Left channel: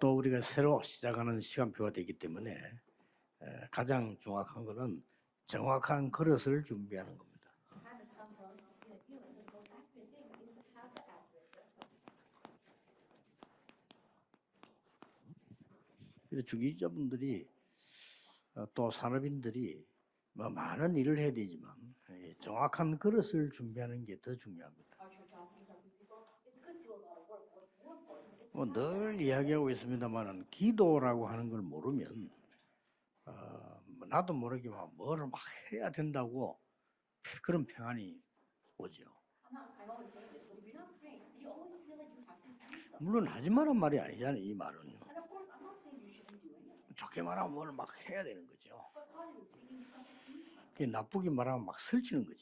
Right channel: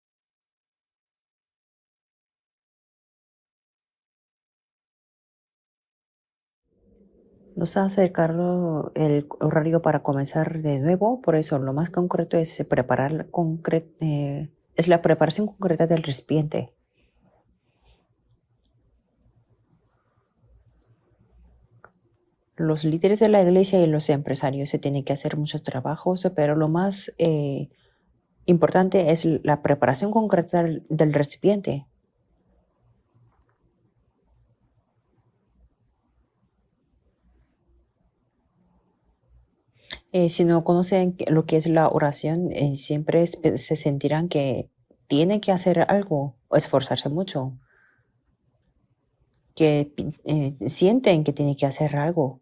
또 우리가 새로 시작하는 시간표가 되기 때문에 가장 중요한 거는 정확한 그릇을 준비하는 겁니다. Nos ha acercado el horario para comenzar de nuevo, por eso lo más concreto es es la preparación concreta del recipiente. 주지자분들이 또 산업인들이 많은 일을 해야 되지만 Los 정확한 líderes de la 그릇을 iglesia y 준비하는 los empresarios se tienen que hacer muchos trabajos, pero lo más importante es la 이야기하고 preparación 싶은 거는 concreta del 기도라고 하는 걸 recipiente. 모르면 나도 모르게 뭐를 막 해야 된다고 그런 평안이 오죠. Si no conocen lo que es la oración, siempre 뭘 하지 se 마란 말이 sentirán 아니야, 이 que 말은요. tienen que hacer algo o esforzarse 하지 마라 mucho, 뭘 막 해야 되는 거죠. que sienten que 나쁘게 tienen que 말하면 막 hacer 설치는 algo. 거죠.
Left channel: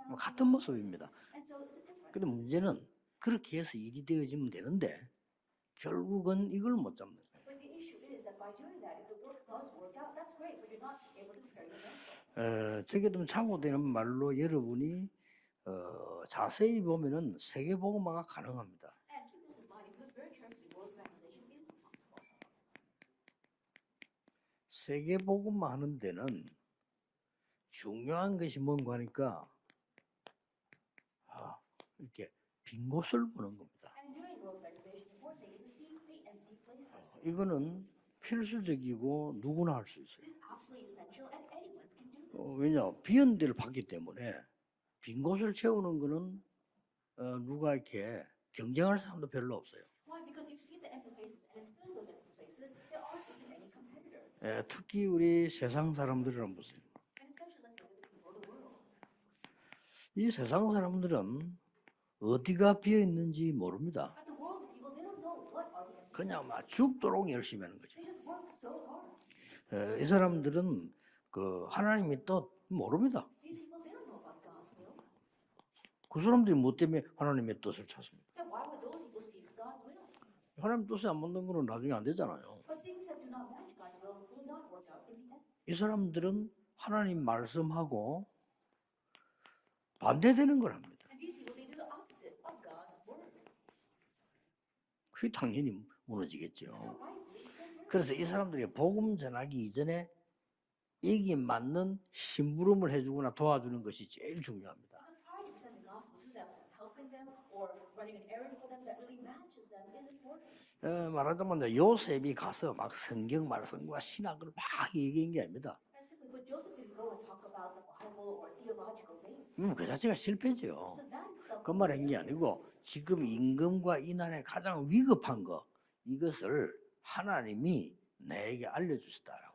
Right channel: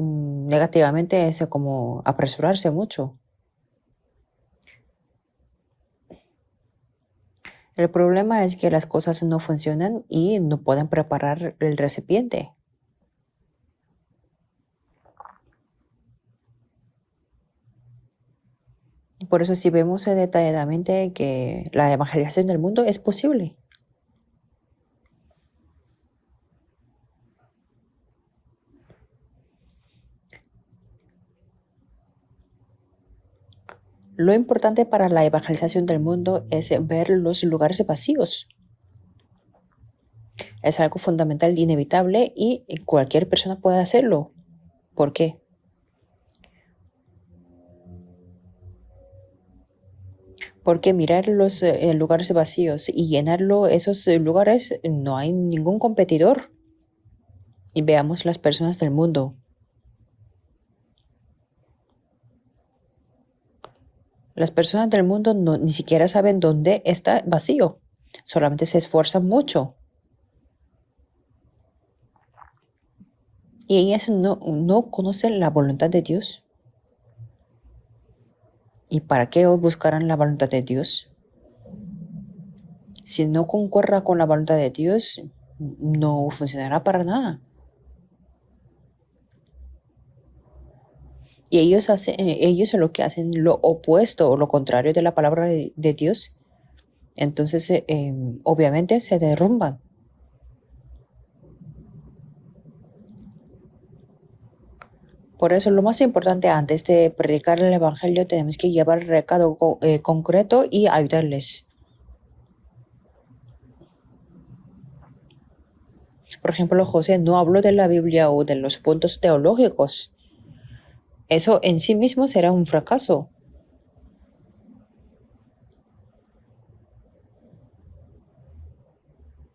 같은 목소리입니다. Negativamente es como 근데 apresurarse 문제는 mucho. 그렇게 해서 일이 되어지면 되는데 결국은 이걸 못 잡는 거예요. El problema es que las cosas no funcionan y no pueden preparar el recipiente. 저게 참고되는 말로 여러분이 자세히 보면은 세계복음화가 가능합니다. Por eso si vemos detalladamente que la evangelización del mundo es posible. 세계복음화 하는 데는 중요한 것이 뭔가 하니까 이렇게 빈 곳을 보는 겁니다. Lo importante para la evangelización del mundo es ver los lugares vacíos. 필수적이고 누구나 할 수 있어요. Es algo fundamental, inevitable y 왜냐? cualquier 비어있는 persona 곳을 puede 봤기 hacerlo. 때문에 ¿Por 빈 qué? 곳을 채우는 거는 누가 이렇게 경쟁할 사람도 별로 없어요. Porque mirar los lugares vacíos y llenarlo, esos lugares, no hay 이 ningún 세상 competidor. 사람들은 보세요. Y veamos las personas del mundo. 이 세상 사람들은 어디가 비어 있는지 모릅니다. Las personas del mundo ni siquiera saben dónde está vacío. Solamente se esfuerzan mucho. 이 사람들은 그 하나님의 뜻 모릅니다. Y ellas no conocen la voluntad de 그 Dios. 사람들이 뭐 때문에 하나님의 뜻을 찾습니다. ¿Y para qué buscarán la voluntad de 하나님 Dios? 뜻에 안 맞는 거는 나중에 안 되잖아요. Si no concuerda con la voluntad de Dios, 이 no 사람들은 funcionará para 하나님 nada. 말씀하고 반대되는 거랍니다. Y ellos lo que hacen lo opuesto o lo contrario de la palabra de Dios. 무너지겠죠. Entonces, 그래서 이 사람들이 obviamente se 복음 전하기 derrumban. 이전에 이게 맞는 심부름을 해주거나 도와주는 것이 제일 중요합니다. Por eso, lo más importante antes de predicar el evangelio, tenemos que llevar el recado concreto y ayudarles. 말하자면 요셉이 가서 막 성경 말씀과 신학을 막 얘기한 게 아닙니다. Por ejemplo, José no habló de la Biblia o de los puntos 그 teológicos. 자체가 실패죠. Eso en 그 sí 말은 이게 mismo será un 아니고 fracaso. 지금 임금과 이난의 가장 위급한 거 이것을 하나님이 내게 알려주시다라고.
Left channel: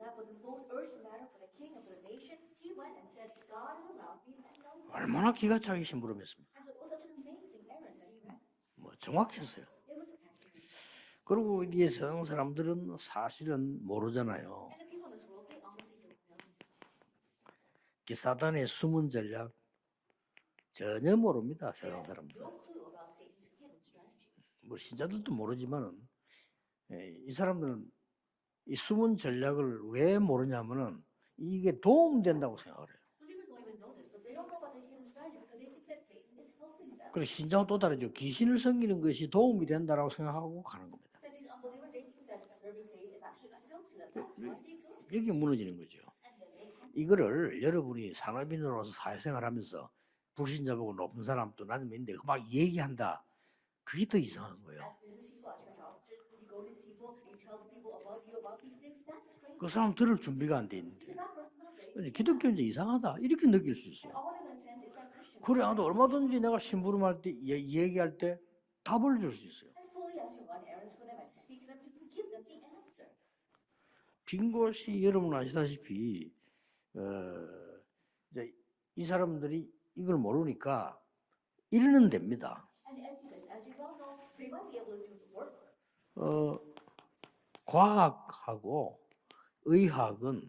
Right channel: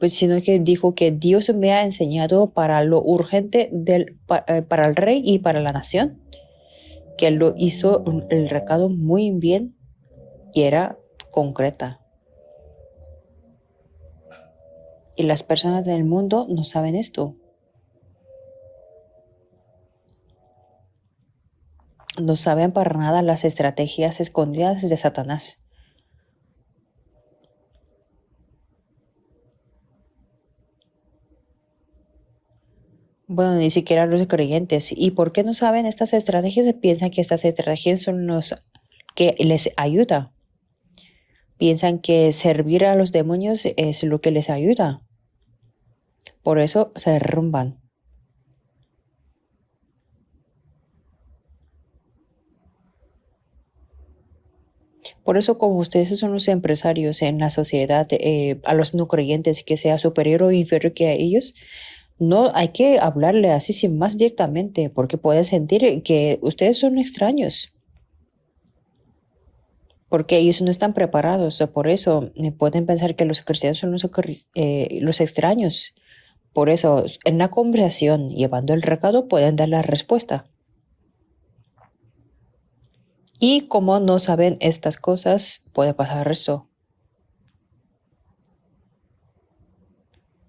Pues sino que dijo que Dios me ha enseñado para lo urgente para el rey y para la nación, que lo hizo el recado muy bien y era concreta. 세상 사람들은 사실은 모르잖아요. Y las personas del mundo no saben esto. 사단의 숨은 전략 전혀 모릅니다. 세상 사람. No saben para nada las estrategias escondidas de Satanás. 모르지만은 이 사람들은 이 숨은 전략을 왜 모르냐면은 이게 도움된다고 생각을 해요. Bueno, ni siquiera los creyentes. ¿Y por qué no saben estas estrategias? Piensan que estas estrategias son los que les ayuda. Piensan que servir a los demonios es lo que les ayuda. 이게 무너지는 거죠. Por eso se derrumban. 여러분이 산업인으로서 사회생활하면서 불신자보고 높은 사람도 나는 있는데 막 얘기한다. 그게 더 이상한 거예요. Por eso, como ustedes son los empresarios en la sociedad, a los no creyentes, que sea superior o inferior que a ellos, no hay que hablarle así sin más directamente, porque pueden sentir que ustedes son extraños, 얘기할 때 답을 줄 수 있어요. porque ellos no están preparados. Por eso pueden pensar que los cristianos son los extraños. Por eso, en la conversación, llevando el recado, pueden dar la respuesta. 이러는 됩니다. Y como no saben estas cosas, puede pasar esto. 과학하고 의학은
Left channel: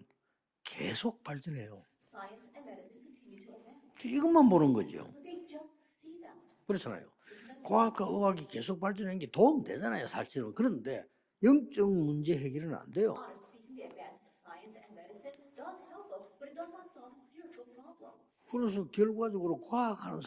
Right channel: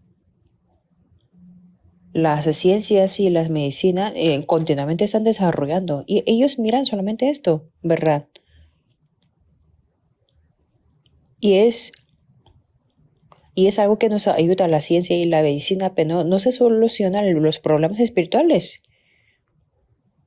계속 발전해요. Las ciencias y la medicina continuamente están desarrollando y ellos miran solamente esto, ¿verdad? 과학이 계속 발전하는 게 도움되잖아요, 사실은. 그런데 Y es, 문제 해결은 안 돼요. y es algo que nos ayuda a la ciencia y la medicina, pero no se solucionan los problemas espirituales. 그래서 결과적으로 과학하는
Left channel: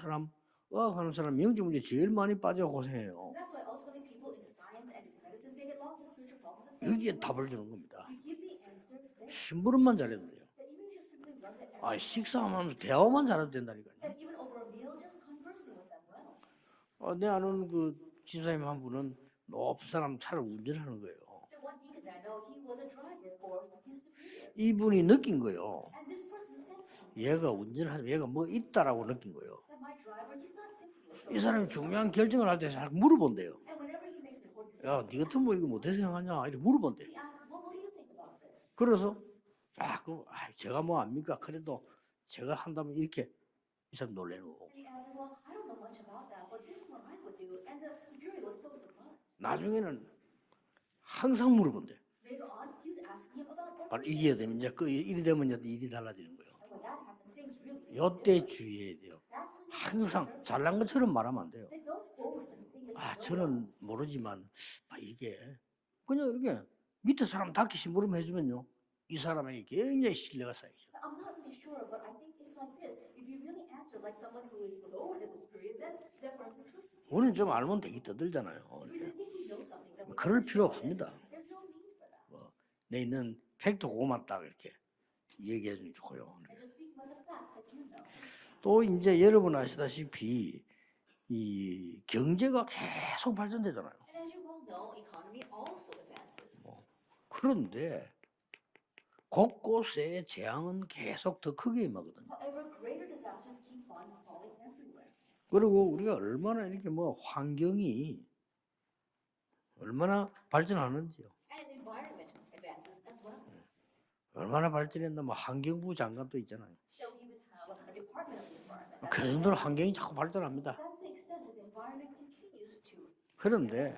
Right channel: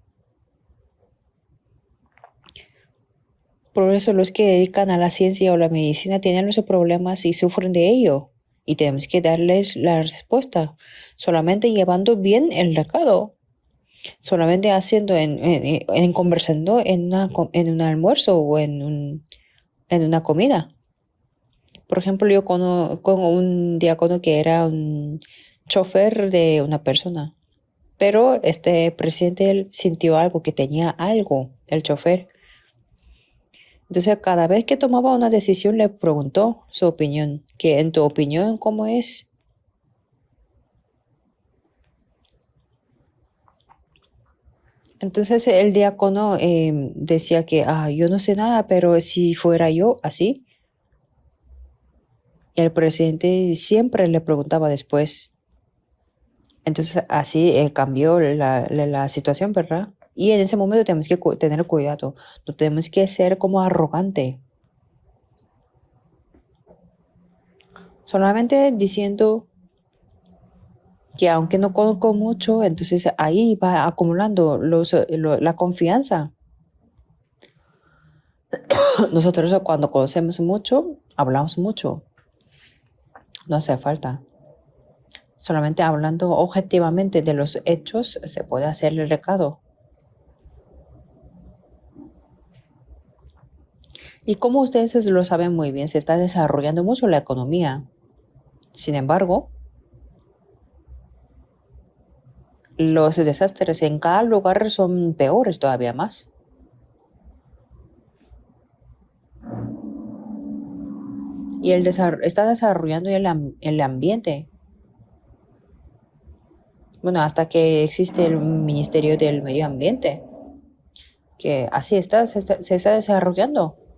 사람 영적 문제 제일 많이 빠져 고생해요. Por eso los que dedican a la ciencia o la medicina tienen los problemas y sufren de ello. Y tenemos que darles la respuesta. Solamente llevando bien el 식사하고 대화만 recado, 잘해도 된다니까. solamente haciendo en conversando en un almuerzo o en una comida. 운전하는 거예요. Por ejemplo, yo conozco un diácono que era 이분이 un 느낀 거예요. chofer de una persona, 얘가 운전하는 pero 게 este 있다라고. presidente él sintió algo, que tenía 이 algo, 사람이 el 중요한 chofer. 결정을 할 때 잘 물어본대요. Entonces, cada vez que tomaba una 그쪽은 decisión, le 어떻게 preguntó 생각하냐고 su opinión, que en tu opinión, ¿cómo 그래서 es? 제가 뭐 압니까? 그래도 제가 한다면 이렇게 참 놀래는 거고. Entonces, el diácono decía que, yo no sé nada, pero si fuera yo así, 항상 물어본대요. el presidente siempre le 이게 preguntaba 되면 그 일이 después. 되면 일이 달라지는 거예요. Entonces, así cambió la situación, ¿verdad? Y en ese momento tenemos que tener cuidado. No tenemos que ser como arrogante. 이게 그냥 이렇게 밑에 사람 닥치시 물어보고 Solamente 이 diciendo 사람에게 굉장히 신뢰가 쌓이죠. que aunque no conozco mucho, entonces ahí va acumulando la confianza. 우리는 좀 알면 되게 떠들잖아요. Nosotros cuando conocemos 그럴 필요 mucho, 없습니다. hablamos mucho. 내 있는 No hace 팩트 falta. 고맙다 그렇게. Solamente hablando objetivamente de los hechos se puede 또 hacer el 이제 여러분 recado. 아시다시피 이 경제가 계속 발전되잖아요. Y como ustedes lo saben muy bien, se está desarrollando mucho la economía. 그런데 Sin embargo, 곳곳에 재앙은 계속 더 크게 임하거든요. los desastres en cada lugar son peores 그리고 todavía 이게 más. 얼마나 이렇게 뭐 환경이 얼마나 발전하는지 Y está desarrollando el ambiente. 얼마나 발전했나 뭐 환경부 장관도 있잖아요. Bueno, hasta que existe el Ministerio del Medio 환경이 자꾸 Ambiente, 발전합니다. que así se está desarrollando. 그런데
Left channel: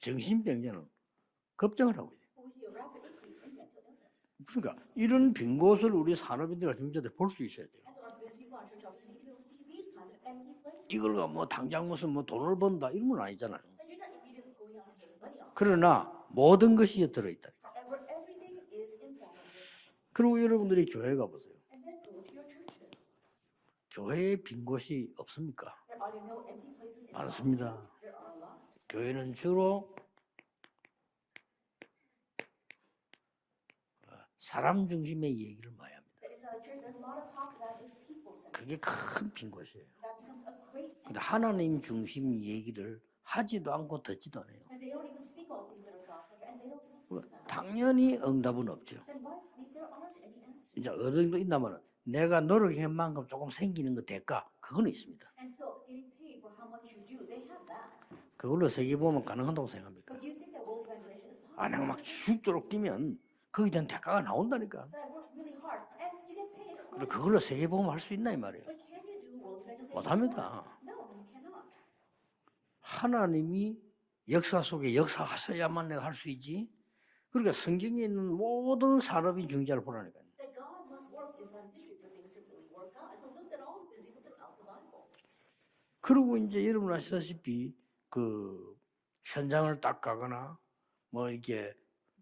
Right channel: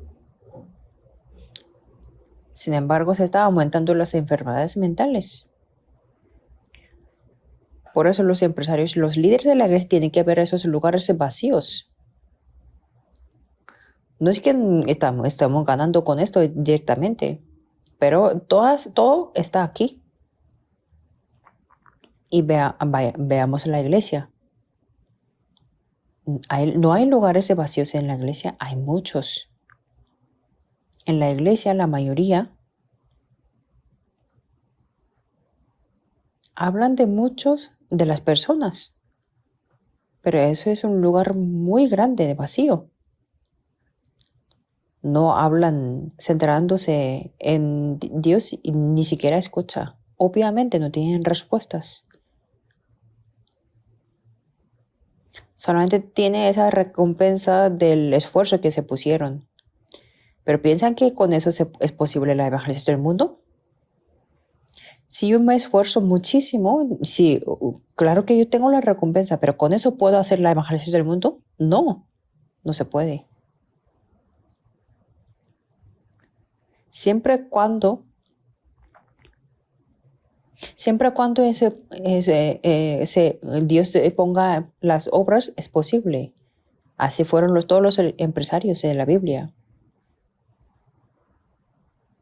정신병자는 급증을 하고 있어요. Sin embargo, se está aumentando las enfermedades 이런 mentales. 빈 곳을 우리 산업인들과 실자들 볼 수 있어야 돼요. Por eso los empresarios, los líderes de la iglesia tienen que ver esos lugares 이걸로 뭐 vacíos. 당장 무슨 뭐 돈을 번다 이런 건 아니잖아요. No es que estamos ganando con esto 모든 것이 directamente, 들어있다니까. pero todo está aquí. 그리고 여러분들이 교회 가보세요. Y veamos la iglesia. 왜 빈 곳이 없습니까? No hay lugares vacíos en la iglesia, hay 교회는 muchos. 주로 En la iglesia, la mayoría 사람 중심의 얘기를 많이 합니다. hablan de muchos de las 그게 personas, 큰 빈 곳이에요. pero eso es un lugar 하나님 muy grande, 중심의 vacío. 얘기를 하지도 않고 듣지도 않아요. No hablan centrándose en Dios y ni siquiera escucha. Obviamente no tienen respuestas. 내가 노력한 만큼 조금 생기는 거 대가 그거는 있습니다. Solamente tiene esa recompensa del esfuerzo que se 그걸로 세계보험 pusieron. 가능하다고 생각합니다. Pero ¿piensan que con eso es posible la evangelización del mundo? 거기에 대한 대가가 나온다니까. Si yo me esfuerzo muchísimo, sí, claro que yo tengo la recompensa, pero ¿con eso puedo hacer la evangelización del mundo? No, no se puede. 하나님이 역사 속에 역사하셔야만 내가 할 수 있지. Siempre 그러니까 cuando, 성경에 있는 모든 산업인 중자를 보라니까. siempre cuando Dios ponga las obras, es posible. 그리고 이제 여러분 Así fueron todos los 그 empresarios de la Biblia. 현장을 딱 가거나 뭐 이렇게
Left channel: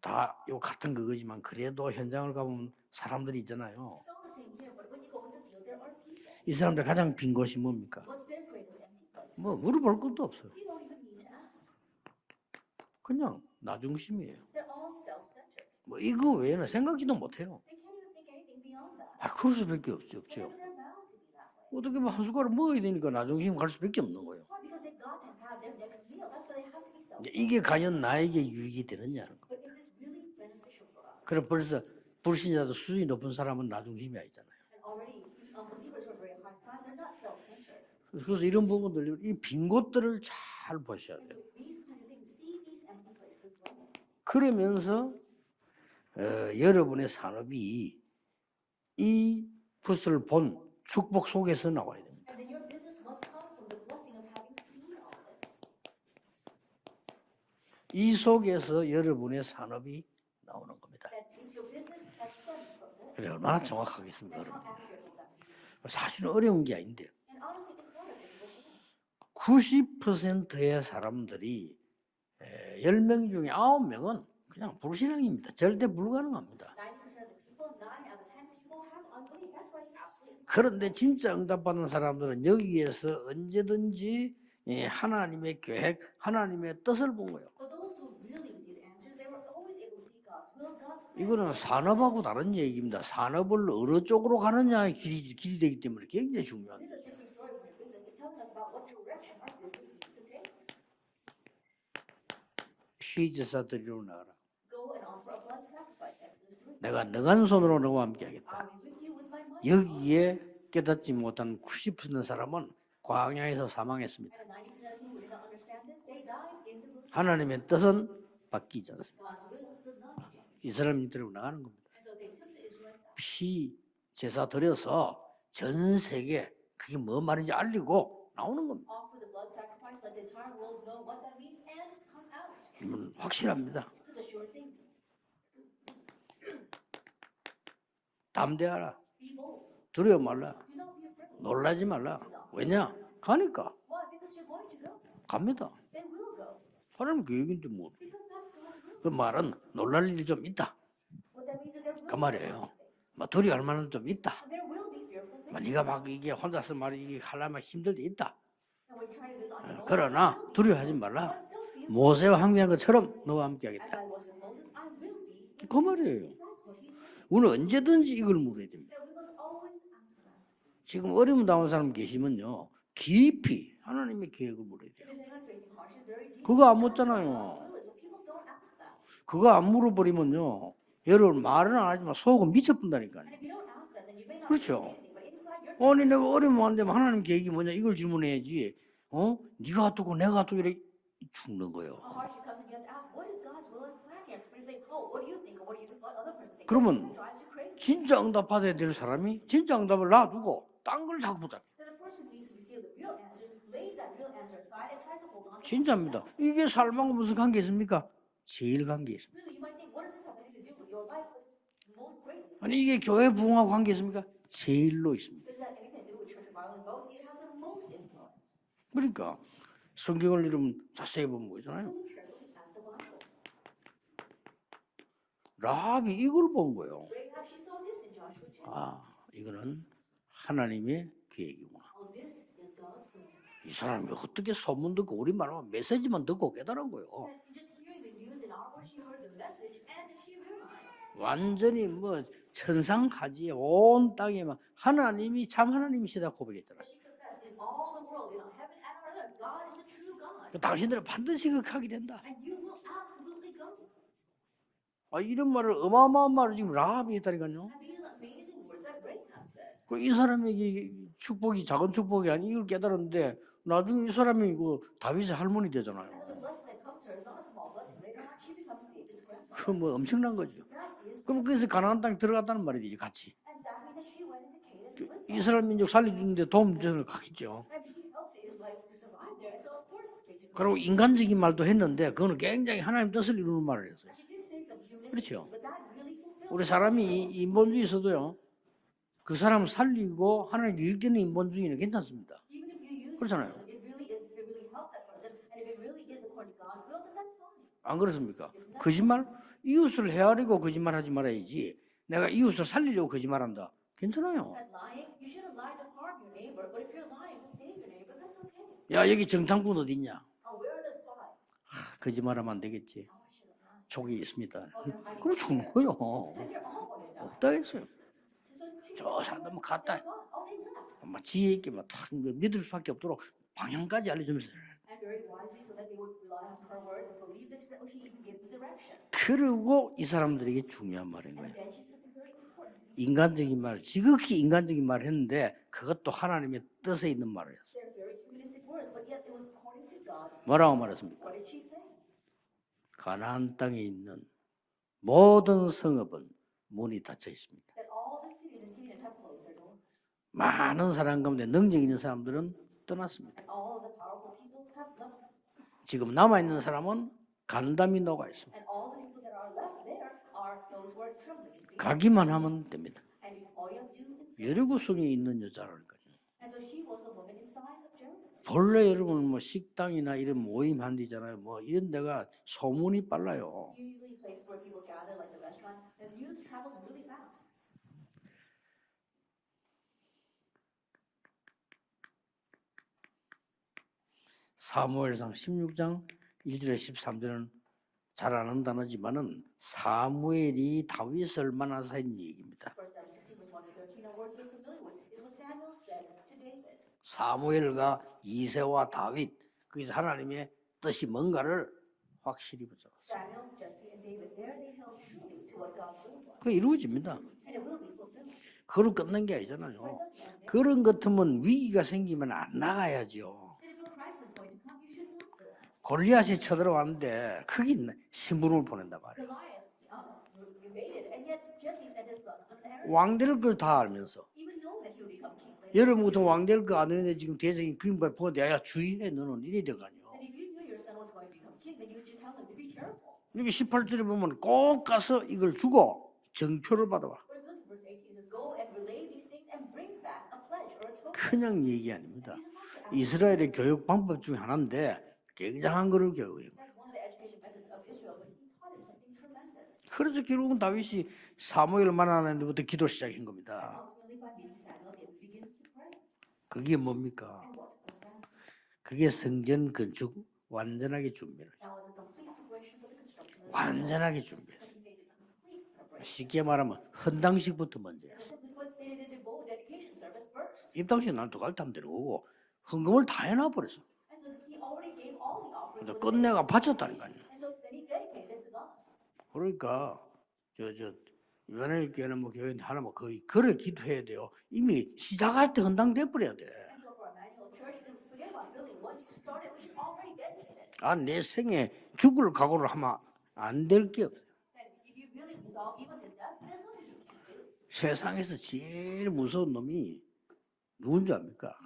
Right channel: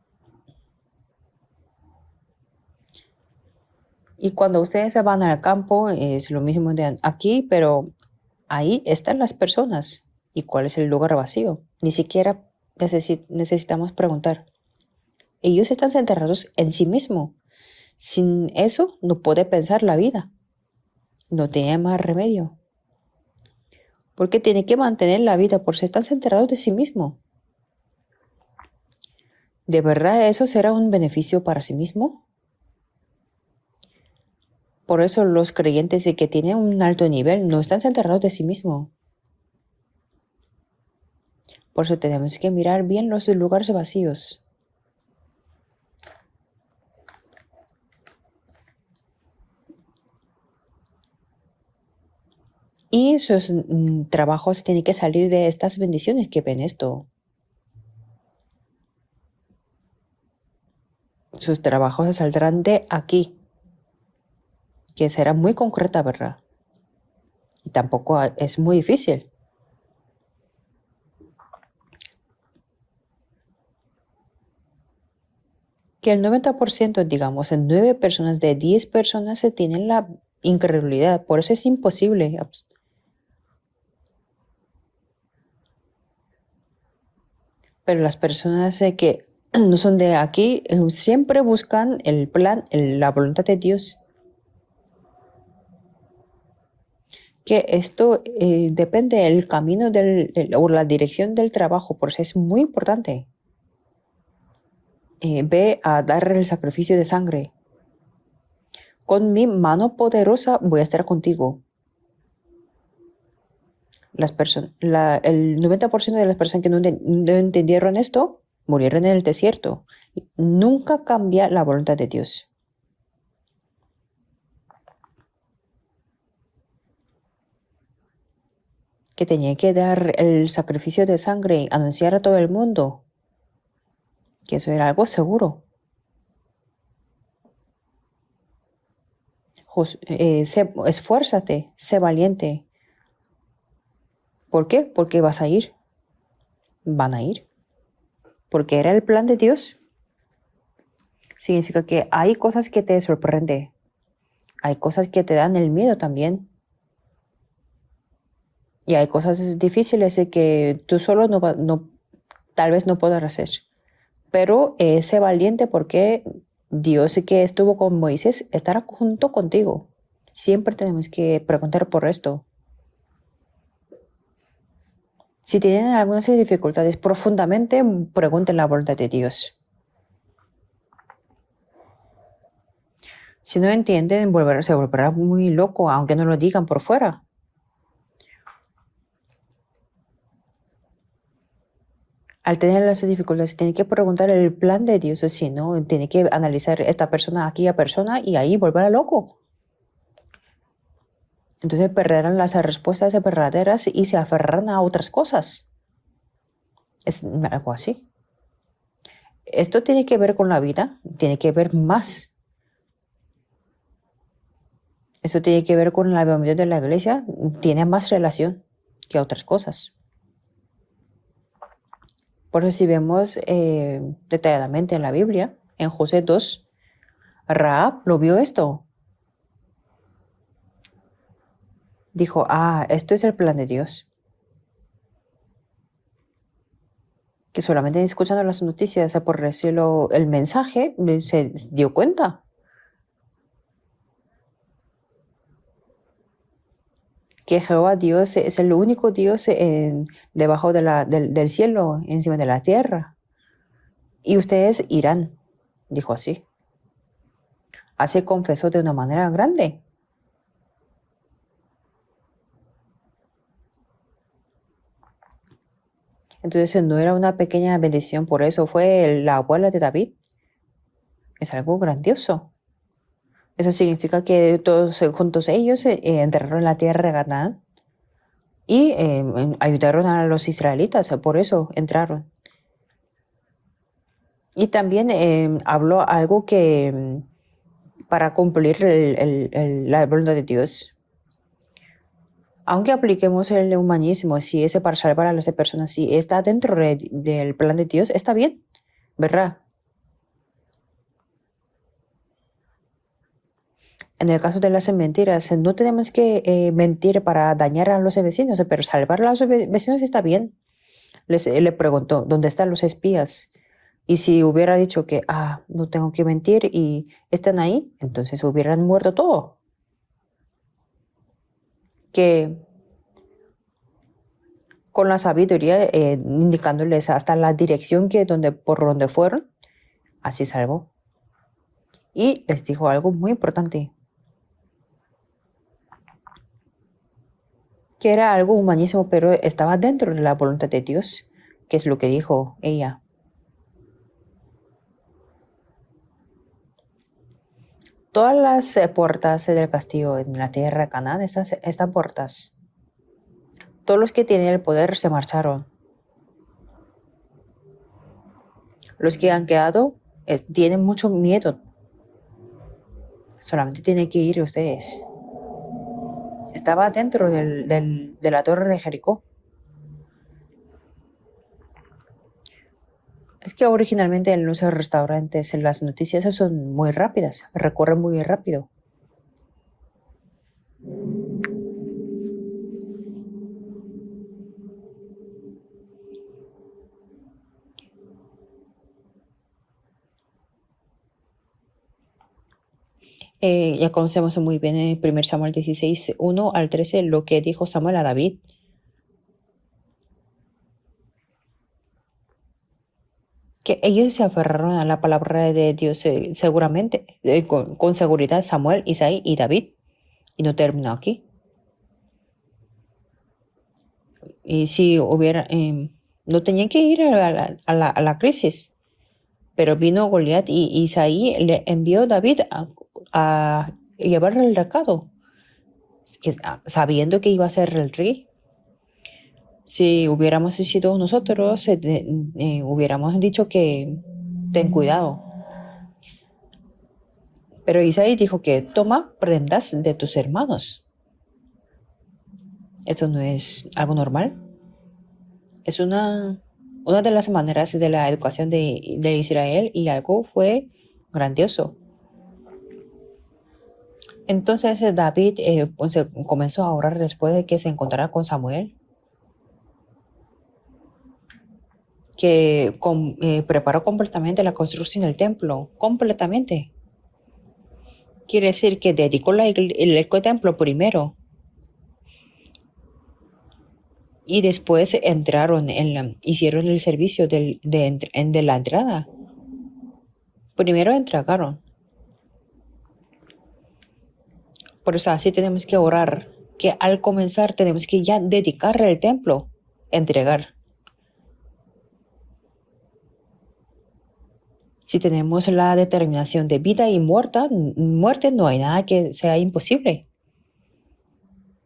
다 요 같은 그거지만 그래도 현장을 가보면 사람들이 있잖아요. Y cuando ustedes se van al campo, es lo 이 mismo 사람들 de 가장 빈 aquí, 곳이 pero 뭡니까? ahí están las personas. 물어볼 것도 없어. ¿Y cuál es el lugar vacío? Ni siquiera 그냥 necesitamos 나쁜 preguntar. Ellos están 이거 centrados 외에는 en sí 생각도 mismos. 못해요. Sin eso, no puede pensar la vida. No tiene más 그걸 remedio. 먹어야 되니까 나중심 갈 수밖에 없는 거야. Porque tiene que mantener la vida, porque están centrados de sí mismo. 이게 과연 나에게 유익이 되느냐? ¿De verdad eso será un beneficio para sí mismo? 불신자도 수준이 높은 사람은 나중심이 아니잖아요. Por eso los creyentes que tienen un alto nivel no están centrados de 그래서 sí 이런 mismos. 부분들 이빈 곳들을 잘 보셔야 돼요. Por eso tenemos que mirar bien los lugares vacíos. 그러면서 여러분의 산업이 이 것을 본 축복 속에서 나와야 됩니다. Y sus trabajos tienen que salir de estas bendiciones que ven esto. 이 속에서 여러분의 산업이 나오는 겁니다. Sus trabajos saldrán de aquí, 얼마나 정확하겠습니까, 여러분? que será muy concreta, 사실 ¿verdad? 어려운 게 아닌데 Y tampoco es muy difícil. 90%의 사람들이 10명 중에 9명은 그냥 불신앙입니다. 절대 Que el 불가능. 90%, digamos, en 9 personas de 10 personas se tienen la 그런데 incredulidad. 진짜 Por eso es 응답받은 imposible. 사람들은 여기에서 언제든지 예, 하나님의 계획, 하나님의 뜻을 본 거예요. Pero las personas que no son de aquí siempre 이거는 buscan 산업하고 el 다른 plan, 얘기입니다. la voluntad de 산업을 Dios. 어느 쪽으로 가느냐의 길이 되기 때문에 굉장히 중요합니다. Que esto depende del camino o la dirección del trabajo, por eso es muy importante. 피제사 드리러 나가라. Ve a dar el sacrificio de 내가 능한 sangre. 손으로 너와 함께하겠다. Con mi mano 여기에 poderosa voy a estar 깨닫지 contigo. 못한 90% 사람은 광야에서 사망했어요. El 90% de las personas que no entendieron esto murieron en el desierto. Nunca cambia la voluntad de Dios. 피 제사 드려서 전 세계 그게 뭐 말인지 알리고 나오는 겁니다. Que tenía que dar el sacrificio de sangre y anunciar a todo el mundo 확실합니다. que eso era algo seguro. 담대하라. Esfuérzate, 놀라지 sé 마라. valiente. 왜냐? 가니까. ¿Por qué? Porque vas a ir. Van a ir. 계획인데 뭐. Porque era el 그 plan de 말은 Dios. 놀랄 일이 좀 있다. Significa que hay cosas que te 두려워할 sorprenden. 만한 좀 있다. Hay cosas que te dan el 네가 miedo 막 이게 también. 혼자서 말이 하려면 힘들 때 있다. Y hay cosas difíciles que tú solo 모세와 tal vez no 항명처럼 podrás 너와 hacer. 함께하겠다. Pero sé valiente porque Dios que estuvo con Moisés estará junto contigo. Siempre tenemos 지금 que 어려움 당한 preguntar 사람 por esto. 계시면요. 깊이 하나님의 계획을 물어야 돼요. Si tienen algunas dificultades, 묻잖아요. profundamente pregunten la voluntad de Dios. 그거 안 물어버리면요. 여러분 말은 안 하지만 속은 미쳐뿐다니까. Si no entienden, se volverá muy loco, aunque no lo digan por fuera. 하나님 계획이 뭐냐 이걸 질문해야지. 네가 어떻고 내가 어떻고 이렇게 죽는 거예요. Al tener las dificultades, tiene que preguntar el plan de Dios, si no, tiene que analizar esta persona, aquella persona, y ahí volverá loco. 진짜 응답을 놔두고 딴 걸 자꾸 보자. Entonces perderán las respuestas verdaderas y se aferrarán a otras cosas. 진짜입니다. 이게 삶하고 Es 무슨 관계 algo así. 있습니까? 제일 관계 있습니다. Esto tiene que ver con la vida, tiene que ver más. 아니 이게 교회 부흥하고 관계 있습니까? 제일로 있습니다. Esto tiene que ver con la avivamiento de la iglesia, tiene más relación que 그러니까 otras cosas. 성경을 이름 자세히 보면 보이잖아요. Por eso si vemos detalladamente en la Biblia, en José 라합이 이걸 2, 본 거예요. Rahab lo vio esto. 이거는 하나님의 계획이구나. Dijo, esto es el plan de 이 Dios. 사람이 어떻게 소문 듣고 우리 말만 메시지만 듣고 깨달은 거예요. Que solamente escuchando las noticias, por decirlo, el mensaje, se 완전히 dio cuenta 천상하지에 온 땅에만 하나님이 참 하나님이시다 고백했잖아요. que Jehová Dios es el único Dios debajo del cielo, encima de la tierra. Y ustedes irán, 이런 말을 dijo así. 어마어마한 말을 지금 라합이 했다니까요. Así confesó de una manera grande. 이 사람에게 축복이 작은 축복이 아니 이걸 깨달았는데 나중에 이 사람이 다윗의 할머니 되잖아요. Entonces no era una pequeña bendición, por eso fue la abuela de David. 엄청난 거죠. 그럼 Es 그래서 algo 가나안 땅에 grandioso. 들어갔다는 말이지 같이. Eso significa que todos juntos ellos entraron en la tierra de Canaán y ayudaron a los israelitas, por eso entraron. 그거는 굉장히 하나님 뜻을 이루는 말을 했어요. Y también habló algo 그 que 사람이 인본주의에서도 para cumplir 그 사람 la voluntad de 살리고 하나님 Dios. 유익되는 인본주의는 괜찮습니다. Aunque apliquemos el humanismo, si es para salvar a las personas, si está dentro del plan de Dios, está bien, 거짓말 ¿verdad? 이웃을 헤아리고 거짓말하지 말아야지. 내가 이웃을 살리려고 거짓말한다. En el caso de las mentiras, no tenemos que mentir para dañar a los vecinos, pero salvar a los vecinos está bien. Le preguntó, ¿dónde están los espías? Y si hubiera dicho que, no tengo que mentir y están ahí, entonces hubieran muerto todos. Que con la sabiduría indicándoles hasta la dirección por donde fueron, así salvo. Y les dijo algo muy importante, 지극히 인간적인 말을 했는데 그것도 하나님의 뜻에 있는 말을 했어요. que era algo humanísimo, pero estaba dentro de la voluntad de Dios, que es lo que dijo ella. 가나안 땅에 있는 모든 성읍은 문이 닫혀 있습니다. Todas las puertas del castillo en la tierra de Canaán están puertas. 떠났습니다. Todos los que tienen el poder se marcharon. 지금 남아 있는 사람은 간담이 녹아 있어. Los que han quedado tienen mucho miedo. 가기만 하면 됩니다. Solamente tienen que ir ustedes. 예루살렘에 있는 여자라니까요. Estaba dentro de la torre de 원래 Jericó. 여러분 뭐 식당이나 이런 모임 한 데잖아요. 뭐 이런 데가 소문이 빨라요. Es que originalmente en los restaurantes, en las noticias son muy rápidas, recorren muy rápido. 사무엘상 16장 1절에 13절은 잘 아는 단어지만은 사무엘이 다윗을 만나서 한 얘기입니다. Ya conocemos muy bien en 1 Samuel 16, 1 al 13, lo que dijo Samuel a 사무엘과 David, 이새와 다윗 거기서 하나님의 뜻이 뭔가를 확실히 보죠. que ellos se aferraron a la palabra de Dios seguramente, con seguridad, Samuel, 그런 Isaí 끝난 y 게 David, 아니잖아요. y no 그런 terminó 것 aquí. 같으면 위기가 생기면 안 나가야죠. Y si hubiera, 골리앗이 no tenían que ir a 쳐들어왔는데 크게 la 신공을 crisis, 보낸단 말이에요. pero vino Goliat y Isaí le envió a David 왕될 걸 다 a 알면서 llevar el recado, 여러분 같은 que, 왕될 거 sabiendo 알면 que 지금 iba a 대장이 ser el 기름을 rey. 부어 내가 주의해 너는 이래 되거든. Si hubiéramos sido nosotros, hubiéramos dicho 여기 que 18절에 보면 ten 꼭 cuidado. 가서 이걸 주고 정표를 받아와. Pero Isaí dijo que toma prendas de tus hermanos. 그냥 얘기 아닙니다. Esto no 이스라엘의 es 교육 algo 방법 normal. 중에 하나인데 Es 굉장한 걸 교육이에요. una de las maneras de la educación de Israel y algo 그런데 결국 fue 다윗이 grandioso. 사무엘을 만나는 데부터 기도 시작한 겁니다. Entonces David pues, comenzó a 그게 orar 뭡니까? después de que se encontrara con Samuel, 그게 성전 건축 완전하게 준비를 하죠. que preparó 완전하게 completamente la construcción del templo, 쉽게 completamente. 말하면 헌당식부터 먼저. Quiere decir que dedicó el templo primero 당시 난 두갈 담대로 오고 헌금을 다 해놔버렸어. y después entraron hicieron el servicio de la entrada. 그러니까 Primero entregaron. 연예인 교회는 뭐 교회 하나 뭐 거의 그래 기도해야 돼요. 이미 Por eso así 시작할 때 tenemos que orar, 헌당돼버려야 돼. que al comenzar tenemos que ya dedicar el templo, entregar. 내 생에 죽을 각오를 하면 안 될 게 없어요. Si tenemos la determinación de vida y muerte, no hay nada que sea imposible. 누군지 압니까?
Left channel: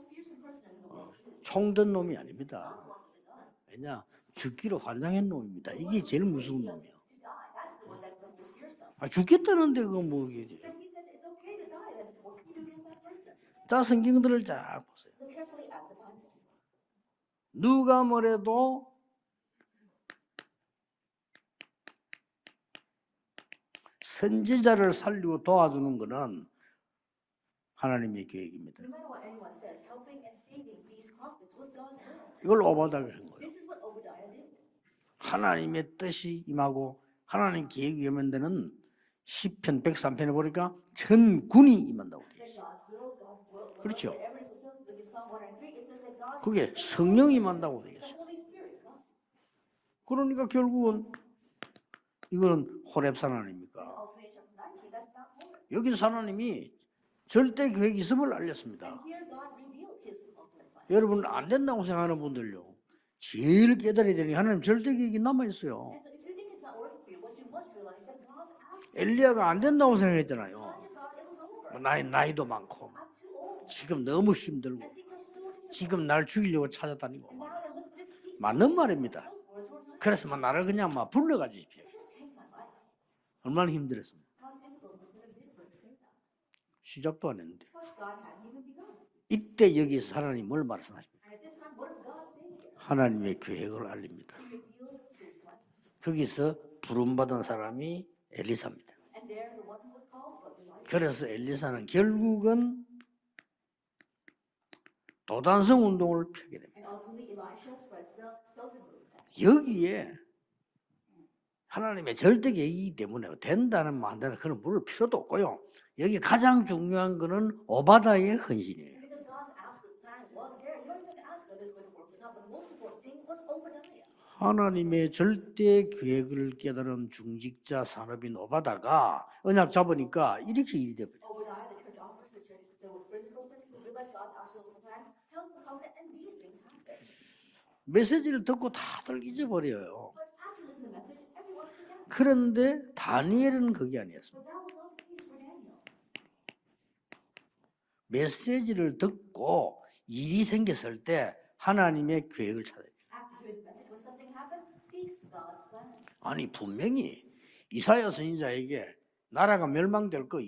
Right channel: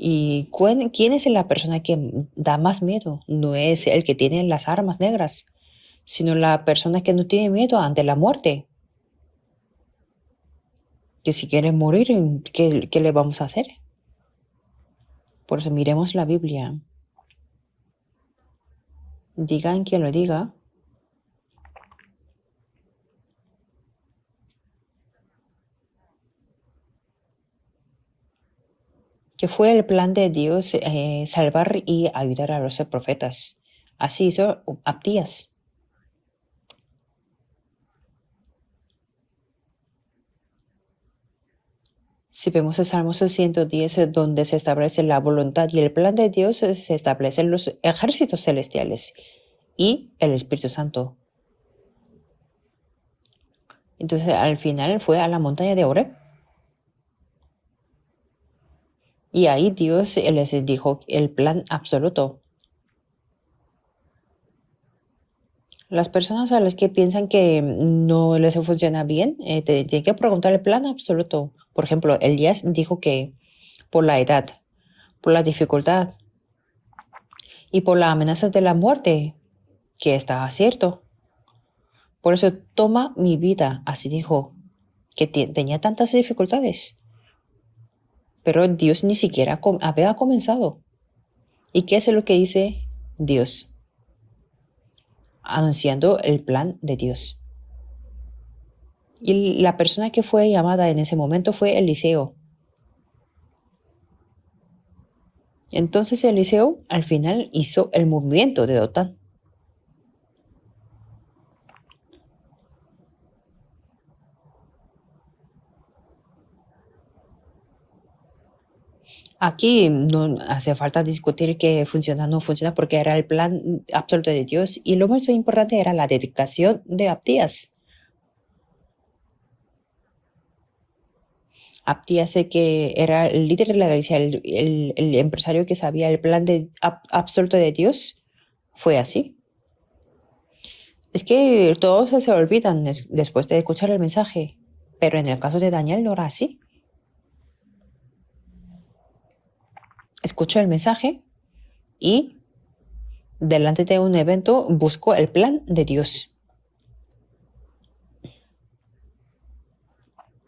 ¿Y quién es la persona que da más miedo? No es el que tiene las armas negras, 놈입니다. 이게 제일 sino la persona que no tiene miedo ante la muerte. 죽겠다는데 그건 뭐겠지? Que si quiere morir, ¿qué le vamos a hacer? 자, 성경들을 잘 보세요. Por eso miremos la Biblia. 누가 뭐래도 Digan quien lo diga, 선지자를 살리고 도와주는 것은 하나님의 계획입니다. que fue el plan de Dios salvar y ayudar a los profetas. Así hizo Abdías. 하나님의 뜻이 임하고 하나님 계획이 임한다는 시편 103편에 보니까 전군이 임한다고. Si vemos el Salmo 110, donde se establece la voluntad y el plan de Dios, se establecen los ejércitos celestiales y el Espíritu Santo. 이거는 호렙산 하나님입니까? Entonces, al final fue a la montaña de Oreb 하나님이 절대 계획이 있음을 알렸습니다. y ahí Dios les dijo el 안 plan 된다고 생각하는 absoluto. 분들요. 제일 깨달아야 되는 게 하나님 절대 계획이 남아 있어요. Las personas a las que piensan que no les funciona bien, tienen que preguntar el plan absoluto. Por ejemplo, Elías dijo que por la edad, por la dificultad 날 죽이려고 찾아다니고. y por la amenaza de la muerte, que está cierto. 불러가주십시오. Por eso toma mi vida, así dijo, que tenía tantas dificultades, 시작도 안 했는데. pero Dios ni siquiera 이때 여기 había 하나님을 comenzado. 말씀하십니다. ¿Y qué es lo que dice 하나님의 Dios? 계획을 알립니다. Anunciando el 여기서 plan de Dios. 부름받은 사람이 엘리사입니다. Y la persona que fue llamada en ese momento fue Eliseo. 결국은 도단성 Entonces 운동을 Eliseo al final hizo el movimiento de Dotán. 여기에 하나님의 절대 계획이기 때문에 된다는 뭐 안 되는 그런 물을 필요도 없고요. 여기 가장 중요한 거는 오바다의 헌신이에요. Aquí no hace falta discutir que funciona o no funciona porque era el plan absoluto de Dios y lo más importante era la dedicación de Abdías. 진짜 산업인 오바다가 언약 잡으니까 이렇게 일이 돼버려. Abdías, que era el líder de la iglesia, el empresario que sabía el plan absoluto de Dios. 메시지를 듣고 다 fue así. 잊어버려요. Es que todos se 그런데 olvidan después de 다니엘은 escuchar el 그래요. mensaje, pero en el caso de Daniel no era así. 메시지를 듣고 일이 Escuchó el 생겼을 mensaje 때 하나님의 y 계획을 찾아요. delante de un evento buscó el plan de Dios. 아니 분명히 이사야 선지자에게 나라가 멸망될 거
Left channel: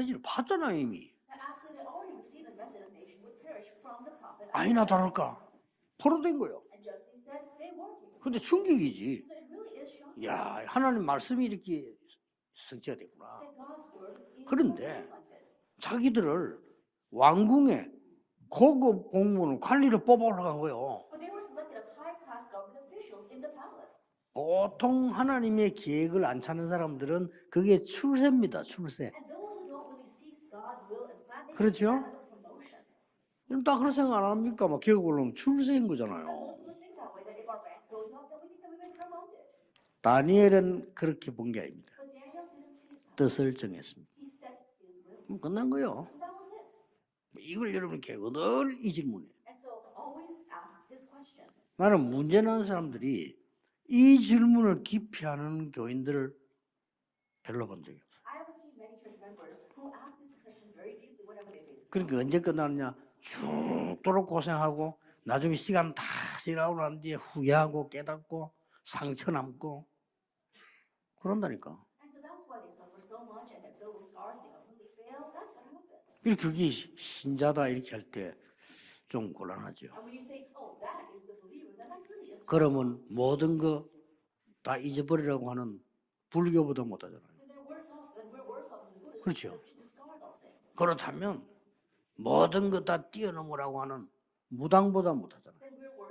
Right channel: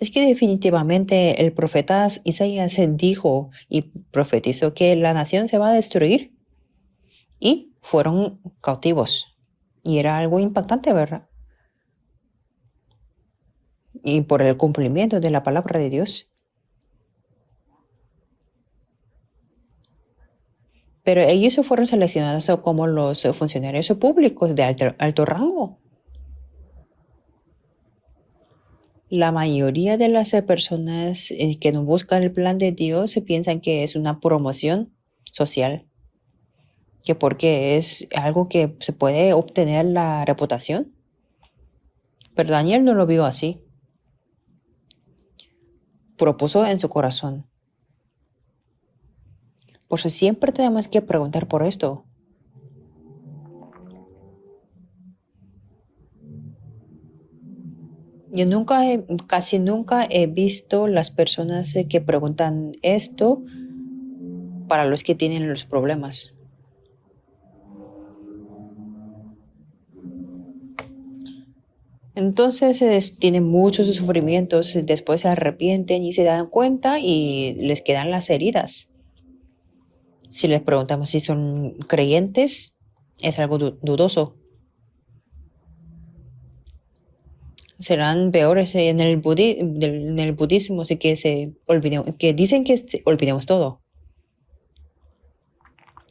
Es que definitivamente el profeta Isaías dijo y profetizó que la nación se va a destruir y fueron cautivos. Y era algo impactante, ¿verdad? 말씀이 이렇게 성취가 됐구나. Y por el cumplimiento de la palabra de Dios, 자기들을 왕궁에 고급 공무원 관리를 뽑아 올라간 거예요. Pero ellos fueron seleccionados como los funcionarios públicos de 보통 alto rango. 하나님의 계획을 안 찾는 사람들은 그게 출세입니다. 출세. La mayoría de las personas que no 그렇죠? buscan el plan de Dios se piensan 딱 que 할 es 생각 una 안 하니까 promoción 계획 올라오면 social, 출세인 거잖아요. que porque es algo que se puede obtener la reputación. 다니엘은 그렇게 본 게 아닙니다. Pero Daniel no lo vio 뜻을 así, 정했습니다. 그럼 끝난 거예요. propuso en su corazón. 이걸 여러분 늘 이 질문이에요. Por eso siempre tenemos que preguntar por esto. 나는 문제 나는 사람들이 이 질문을 깊이 하는 교인들을 별로 본 적이 없어요. Yo casi nunca he visto las personas que 그러니까 언제 preguntan 끝나느냐? esto 죽도록 고생하고 para los que tienen 나중에 los 시간 problemas. 다 지나고 난 뒤에 후회하고 깨닫고 상처 남고 그런다니까. Entonces tienen muchos sufrimientos, después se arrepienten y se dan cuenta y les quedan las heridas. 좀 곤란하죠. Si les preguntamos si son creyentes, 그러면 es algo 모든 dudoso. 다 잊어버리라고 하는 불교보다 못하잖아요. Serán peores en el budismo, sí que que dicen que olvidemos todo. 무당보다 못하잖아요.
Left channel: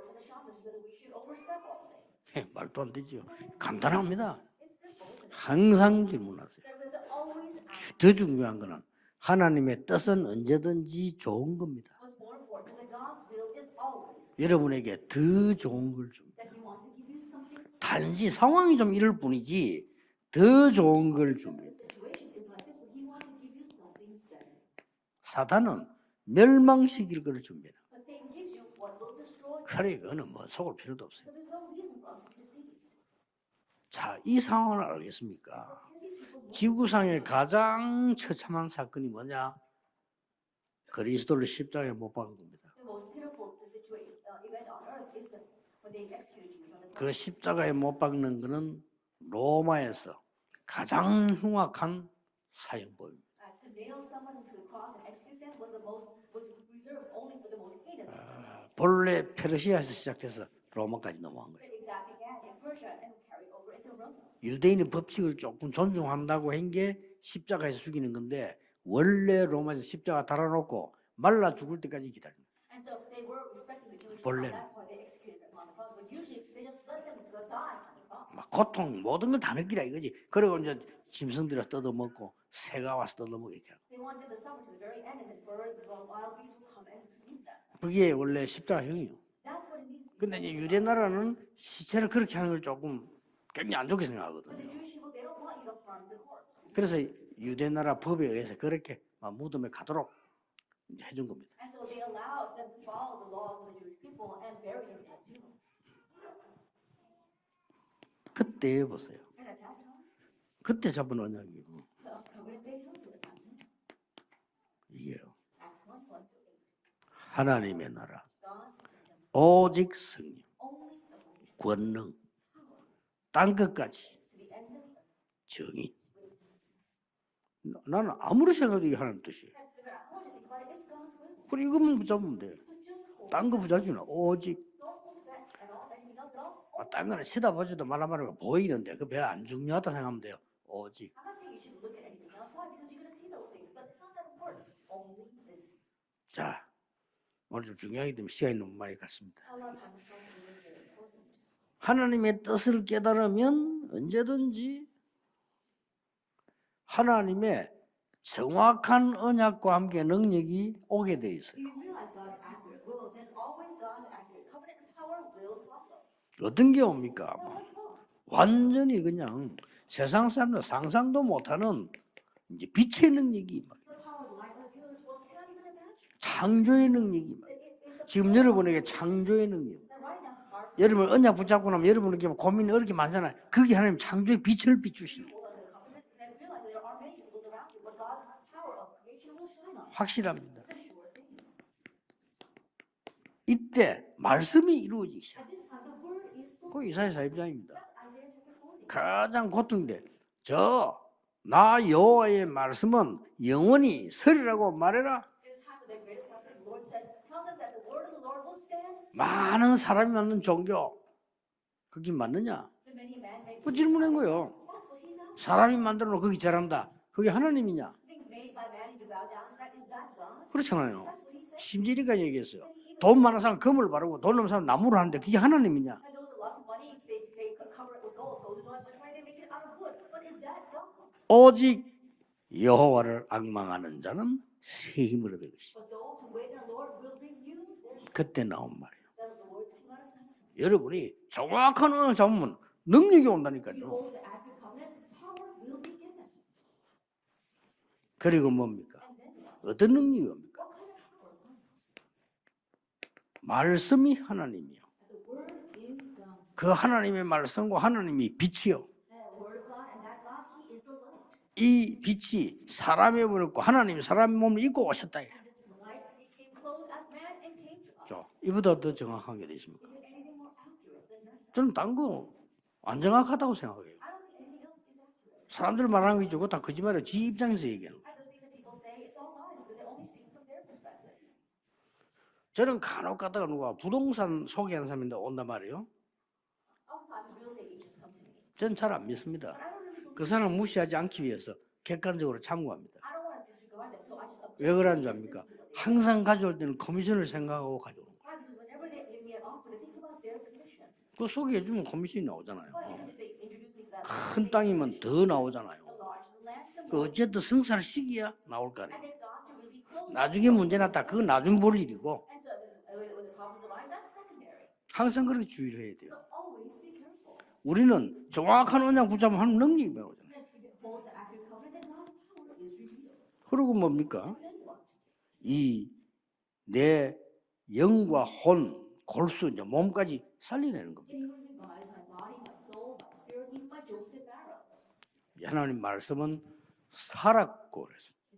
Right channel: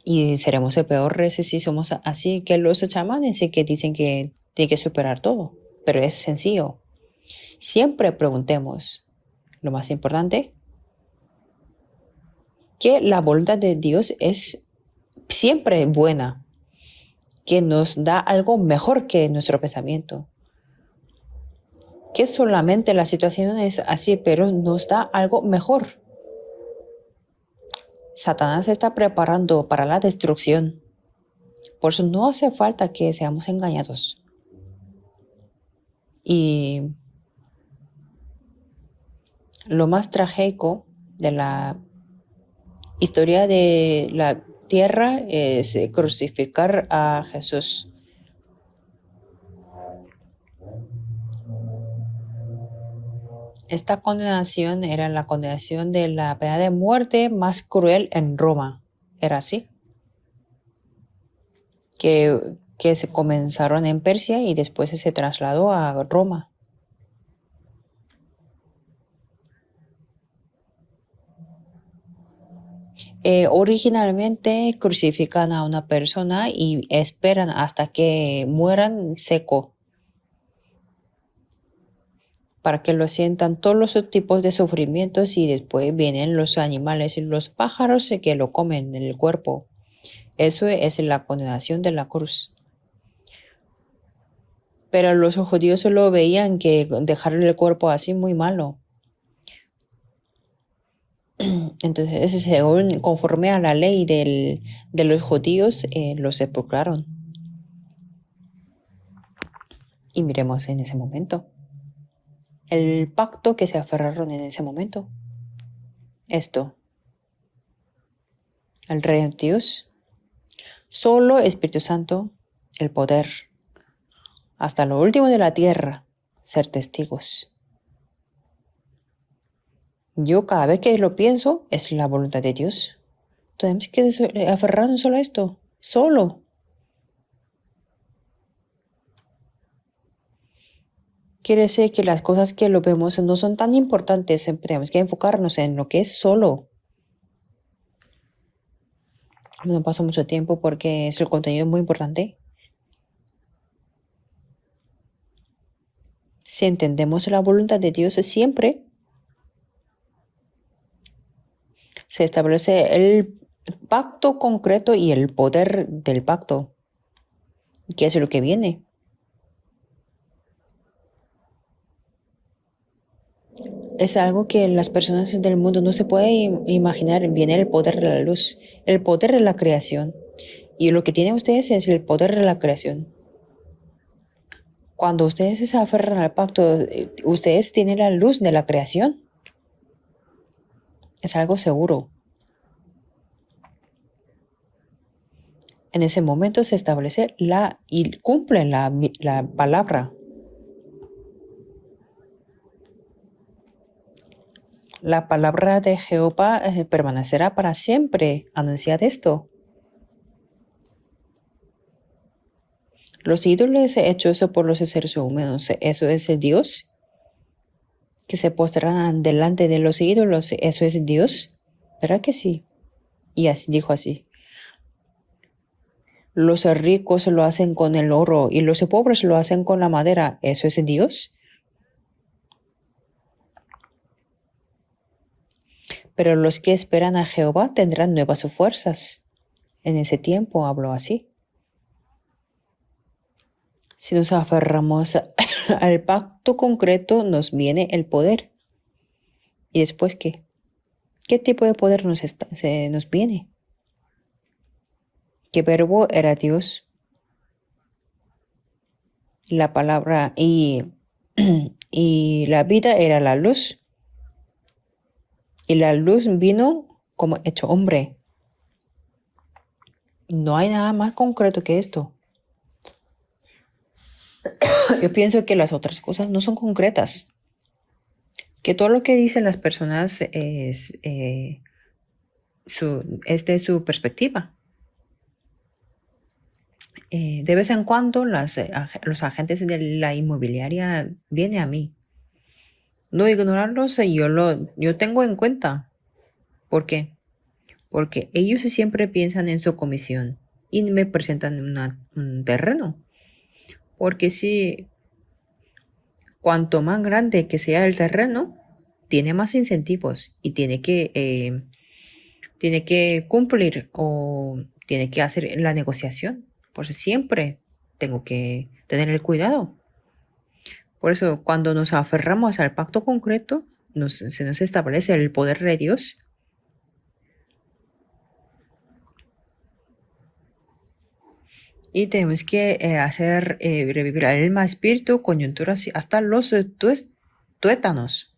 Y seremos peores si somos así que los chamanes, sí que dicen que tiene que superar todo. Pero es sencillo. Siempre preguntemos 하나님의 más 뜻은 importante. 언제든지 좋은 겁니다. que la voluntad de Dios es 여러분에게 더 siempre 좋은 buena, que nos da 단지 algo 상황이 mejor 그럴 que 뿐이지 nuestro pensamiento. 더 좋은 걸 줍니다. Que solamente la situación es así, pero nos da algo mejor. 멸망시킬 걸 줍니다. Satanás se está preparando para la destrucción. 필요도 없어요. Por eso no hace falta que seamos engañados. 자, 이 상황을 알겠습니까? Y 지구상의 가장 처참한 사건이 뭐냐? lo más trágico de 그리스도를 la 십자가에 못 박은 겁니다. historia de la tierra es crucificar a 십자가에 Jesús. 못 박는 거는 로마에서 가장 흉악한 사형법. Esta condenación era la condenación de la pena de muerte más cruel en Roma, 본래 era así, 페르시아에서 시작돼서 로마까지 넘어간 거예요. que se comenzaron en Persia y después se trasladó a Roma. 전도한다고 한 게 십자가에서 죽이는 건데 원래 로마에서 십자가 달아놓고 말라 죽을 때까지 기다려. Originalmente crucifican a una persona y esperan hasta que mueran seco 이거지. 그리고 이제 짐승들이 뜯어먹고 para que lo sientan todos los tipos de sufrimientos y después vienen los animales y los pájaros que lo comen en el cuerpo. Eso es la condenación de la cruz. 조금 굉장히 안 좋게 생각하거든요. Pero los judíos solo veían que dejar el cuerpo así muy malo. 그렇게 무덤에 가도록 해준 겁니다. Entonces, según conforme a la ley de los judíos, los sepultaron. 그때 보세요. Y miremos en 그때 ese 잡고 momento. 나온 El pacto que se aferraron en ese momento. 얘기예요. Esto, 하나님의 나라. el reino de Dios, 오직 성령. solo Espíritu Santo, el poder, 땅 끝까지. hasta lo último de la tierra, ser testigos. 나는 아무리 생각해도 이게 하나님 뜻이에요. Yo cada vez que lo pienso, es la voluntad de Dios. 딴거 Tenemos que 오직 aferrarnos solo a esto, solo. 딴 거는 쳐다보지도 말아말아 보이는데 그 별 안 중요하다 생각하면 돼요. 오직 Quiere decir que las cosas que lo vemos no son tan importantes, tenemos que enfocarnos en lo que es solo. 오늘 좀 중요하기 때문에 시간이 너무 많이 갔습니다. No pasó mucho tiempo porque es el contenido muy importante. 하나님의 뜻을 깨달으면 언제든지 Si entendemos la voluntad de Dios, siempre 정확한 언약과 함께 능력이 오게 돼 있어요. se establece el pacto concreto y el poder del pacto, 어떤 게 옵니까? que es lo que viene. 완전히 그냥 세상 사람들 상상도 못하는 이제 빛의 능력이죠. Es algo que las personas del mundo no se pueden imaginar. Viene el poder de la luz, el poder de la creación. Y lo que tienen ustedes es el poder de la creación. 그게 하나님 창조의 빛을 비추. Cuando ustedes se aferran al pacto, ustedes tienen la luz de la creación. 확실합니다. Es algo seguro. 이때 말씀이 이루어지기 시작. En ese momento se establece y cumple la palabra. 나 여호와의 말씀은 영원히 서리라고 말해라. La palabra de Jehová permanecerá para siempre. Anunciad esto. 많은 사람이 만든 종교 그게 맞느냐? Los ídolos hechos por los seres humanos, 사람이 ¿eso 만들고 es 그걸 Dios? 잘한다. 그게 하나님이냐? que se postrarán delante de los ídolos, ¿eso es 그렇잖아요. Dios? 심지리가 ¿Verdad que sí? 얘기했어요. 돈 많은 Y 사람 así 금을 dijo 바르고 así. 돈 없는 사람 나무를 하는데 그게 하나님이냐? Los ricos lo hacen con el oro y los pobres lo hacen con la madera, ¿eso es Dios? 오직 여호와를 앙망하는 자는 새 힘을 얻을 것이다. Pero los que esperan a Jehová tendrán nuevas 그때 나옵니다. fuerzas. En ese tiempo habló 여러분이 así. 정확한 언어 잡으면 능력이 온다니까요. Si nos aferramos al pacto concreto, nos viene el poder. 그리고 뭡니까? ¿Y 어떤 después 능력이 qué? 옵니까? ¿Qué tipo de poder se nos viene? 말씀이 하나님이요. ¿Qué verbo era 그 Dios? 하나님의 말씀과 하나님이 빛이요. La palabra y 이 빛이 la vida era 사람의 la 몸을 입고 luz. 하나님이 사람의 몸을 입고 오셨다. Y la luz vino como hecho hombre. 이보다 더 정확한 게 되십니까? No hay nada más concreto que 저는 esto. 안 정확하다고 생각해요. Yo pienso que las 사람들 otras 말하는 cosas 거 no 전부 son 다 거짓말이야. concretas. 네 입장에서 얘기하는 거야. Que todo lo que dicen las personas 저는 간혹 es 가다가 de 누가 su perspectiva. 부동산 소개하는 사람인데 온단 말이에요. De vez en cuando los 괜찮아. agentes de la 그 사람 무시하지 inmobiliaria 않기 vienen a 위해서 mí. 객관적으로 참고합니다. No ignorarlos, yo tengo en cuenta, 항상 가져올 때는 ¿Por qué? 커미션을 생각하고 가죠. porque ellos siempre piensan en su comisión y me presentan un terreno. Porque 큰 si 땅이면 더 나오잖아요. cuanto más grande que sea el terreno, 나올 거 아니에요. tiene más incentivos 나중에 y 문제나 그건 나중 볼 일이고 tiene que cumplir o tiene que hacer la negociación. Por eso siempre 우리는 tengo que 정확한 언약 tener el 붙잡고 하는 cuidado. 능력이 배워요. Por eso, cuando nos aferramos al pacto concreto, 그리고 뭡니까? se nos establece el poder de Dios 내 영과 혼, 골수, 이제 몸까지 살려내는 겁니다. y tenemos que hacer revivir alma, espíritu, coyunturas y hasta los 살아 tuétanos.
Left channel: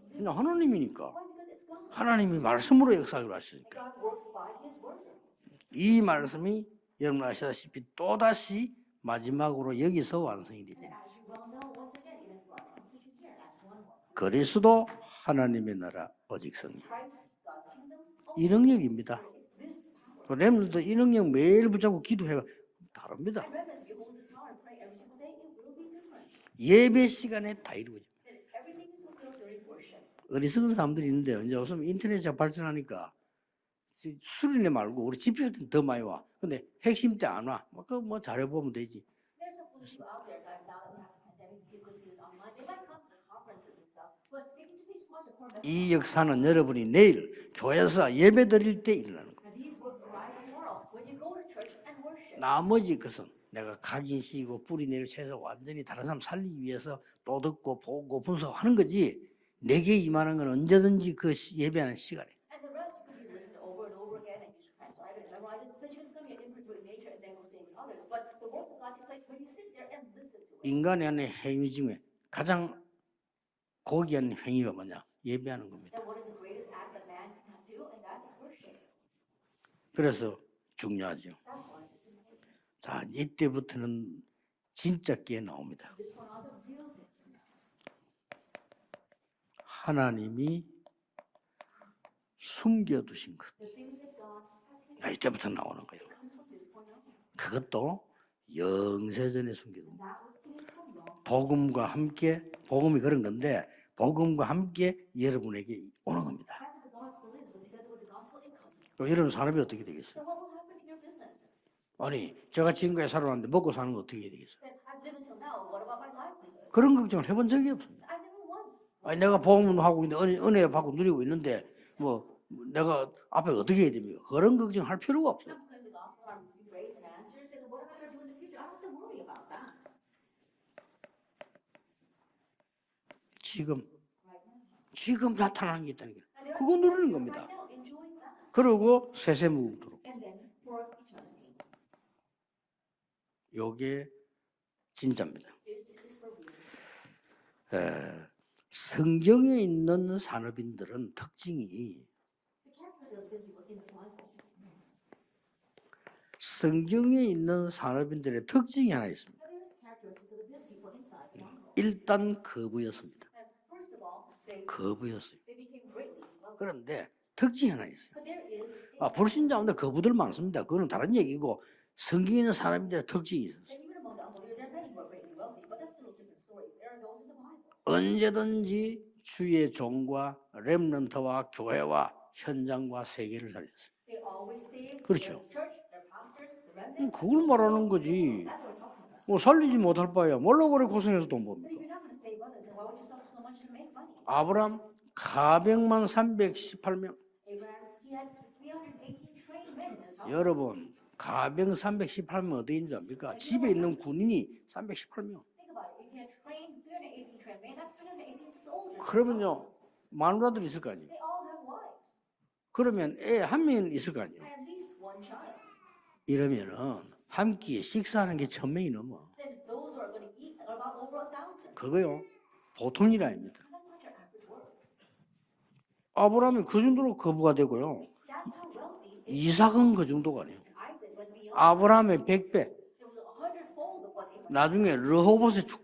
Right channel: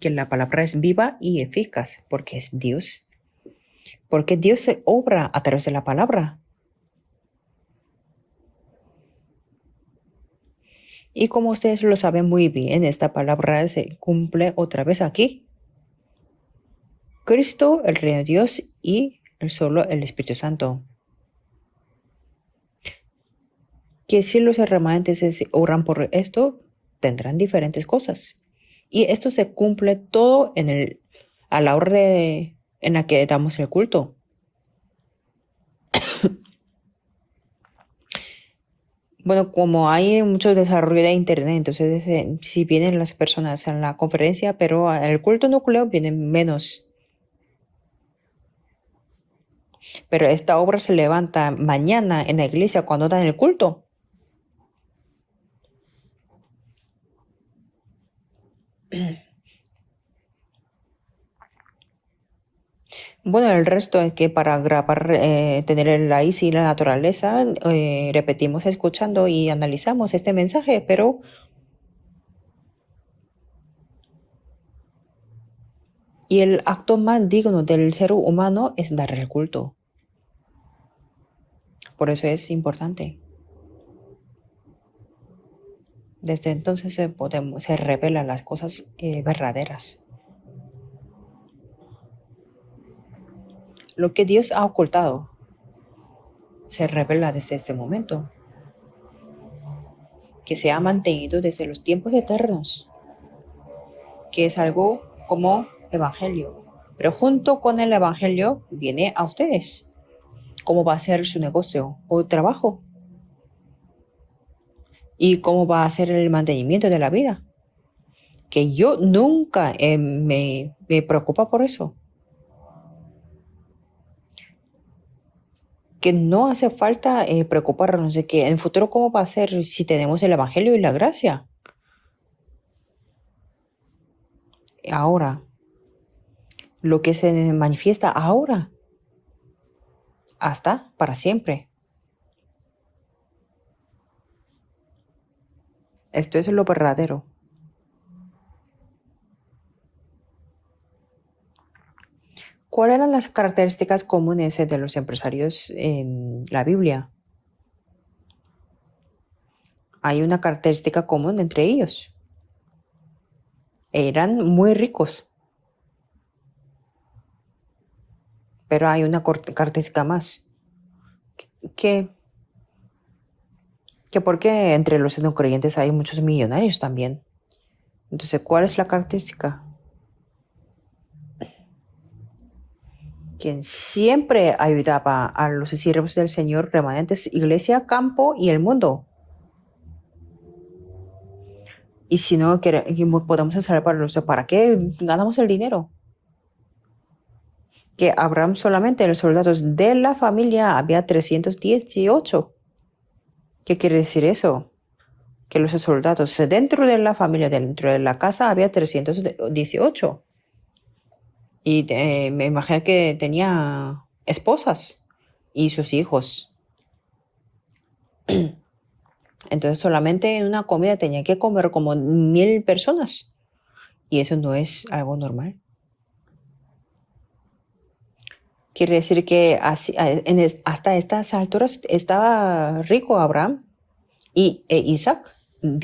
Que la palabra es viva y eficaz, porque 하나님이 es 말씀으로 Dios. 역사하기로 하시니까 Porque Dios se obra a través de la 이 palabra. 말씀이 여러분 아시다시피 또다시 마지막으로 여기서 완성이 되게 Y como ustedes lo saben muy bien, esta palabra se cumple 그리스도 otra vez aquí. 하나님의 나라 오직 성령. Cristo, el Reino de Dios y 능력입니다. solo el Espíritu Santo. 렘넌트 이 능력 매일 붙잡고 기도해봐 다릅니다. Que si los remanentes oran por esto, 예배 tendrán 시간에 diferentes cosas. Y esto se cumple todo 어디 쓰는 사람들이 있는데 a la hora en la 발전하니까 que damos el culto. 수련회 말고 우리 집회할 때는 더 많이 와. 근데 핵심 때 안 와. 그거 뭐 잘해보면 되지. Bueno, como hay mucho desarrollo de Internet, entonces si vienen las personas a la conferencia, pero al culto nucleo 이 vienen 역사는 menos. 여러분이 내일 교회에서 예배 드릴 때 일어나는 거예요. Pero esta obra se levanta mañana en la iglesia cuando dan el culto. 각인 씌고 뿌리 내려 채서 완전히 다른 사람 살리기 위해서 또 듣고 보고 분석하는 거지. 내게 임하는 건 언제든지 그 예배하는 시간에. Bueno, el resto es que para grabar, tener la ICI y la naturaleza, repetimos escuchando y analizamos este mensaje, pero 인간의 행위 중에 가장 고귀한 행위가 뭐냐? 예배하는 겁니다. y el acto más digno del ser humano es dar el culto. 그래서 중요하죠. Por eso es 자, importante. 이때부터는 진짜 게 나옵니다. Desde entonces se revelan las cosas verdaderas. 하나님이 숨겨두신 것. Lo que Dios ha ocultado 이때부터 나오는 거예요. se revela desde este 그것도 momento, 영세전에 숨겨. que se ha mantenido desde los tiempos eternos, 복음이 그런 건데 복음과 que es algo 함께 como 여러분에게 evangelio. Pero junto con el evangelio viene a 이런 사람이 ustedes. 어떻게 되겠어요? ¿Cómo va a ser su negocio o 아니, trabajo? 제가 지금까지 살아왔는데 먹고 사는 거 어떻게 해야 되겠어요? ¿Y cómo va a ser el mantenimiento de 그런 la 걸 vida? 해본 적이 없습니다. Que yo 아니, 내가 nunca 복음을 하고 은혜 받고 me 누리고 preocupa 있는데 por eso. 뭐 내가 앞에 어떻게 해야 됩니까? 그런 걱정할 필요가 없어요. Que no hace falta preocuparnos de que en el futuro cómo va a ser si tenemos el evangelio y la gracia. 지금 Ahora, 지금 나타나는 게 있다는 거예요. 그거 lo que 누리는 se 거예요. manifiesta ahora, 그리고 세세무도록 hasta para siempre. 요게 진짜입니다. Esto es lo verdadero. 성경에 있는 산업인들은 특징이 ¿Cuáles eran las características comunes de los empresarios en la Biblia? 성경에 있는 산업인들의 특징이 하나 있습니다. Hay una característica común entre ellos. 일단 거부였습니다. Eran muy ricos, 거부였어요. 그런데 특징이 하나 있어요. pero hay una 불신자보다 característica 거부들 más. 많습니다. 그거는 다른 얘기고 Que, 성경에 있는 사람들의 특징이 있어요. que porque entre los no creyentes hay muchos millonarios también. Entonces, ¿cuál es la 언제든지 característica? 주의 종과 렘넌트와 교회와 현장과 세계를 Quien 살릴 siempre ayudaba a los siervos del Señor, remanentes, 그걸 iglesia, 말하는 campo y 거지. el mundo. 뭐 살리지 못할 바야 뭘로 그래 고생해서 돈 벌어. Y si no podemos salvarlos, ¿para qué 아브람 ganamos el dinero? 400만 318명. Que Abraham solamente los soldados de la familia había 318. 438명 어디 있는지 압니까? 집에 ¿Qué 있는 quiere decir 분들이 eso? 318명. Que los soldados dentro de la familia, dentro de la casa, había 그러면요 318. 마누라들이 있을 거 아니에요. Y me imagino que 그러면 애 한 tenía 명 있을 거 아니에요. esposas y sus hijos. 이러면은 한 끼에 식사하는 게 1,000명이 넘어. Entonces solamente en una comida tenía que comer como 그거요 1000 보통 personas. 일 아닙니다. Y eso no es algo normal. 아브라함이 그 정도로 거부가 되고요. Quiere decir que 이삭은 그 정도가 hasta estas alturas 아브라함의 100배. estaba rico Abraham y 나중에 Isaac 르호봇의 축복.